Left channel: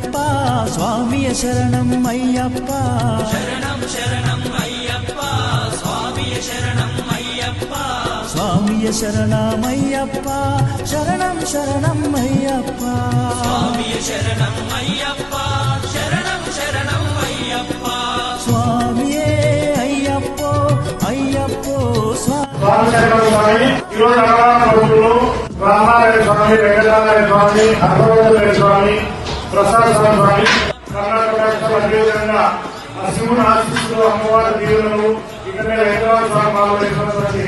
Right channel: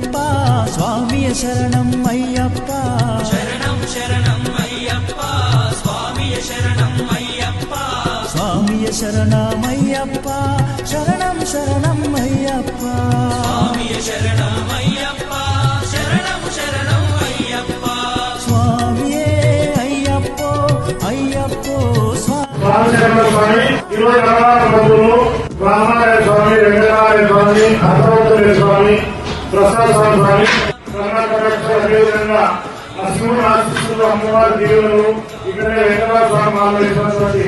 అయ్యప్ప స్వామియ శరణం అయ్యప్ప శరణం శరణం అయ్యప్ప స్వామియ శరణం అయ్యప్ప స్వామియ శరణమయ్యప్ప శరణం శరణం అయ్యప్ప స్వామియ శరణం అయ్యప్ప శరణం శరణం అయ్యప్ప స్వామియే అయ్యప్పో అయ్యప్పో స్వామి ఈరోజు అన్నదాన ప్రభుత్వం రామారాయ స్వామి వెంకటనారాయణ స్వామి అప్పవరం స్వామి ప్రసాద్ స్వామి కర్ణాటక అదేవిధంగా శివుడు ఆశిస్తులు అమ్మవారి దీవులు ఇక్కడ వెంకటనాథ స్వామి మామూలు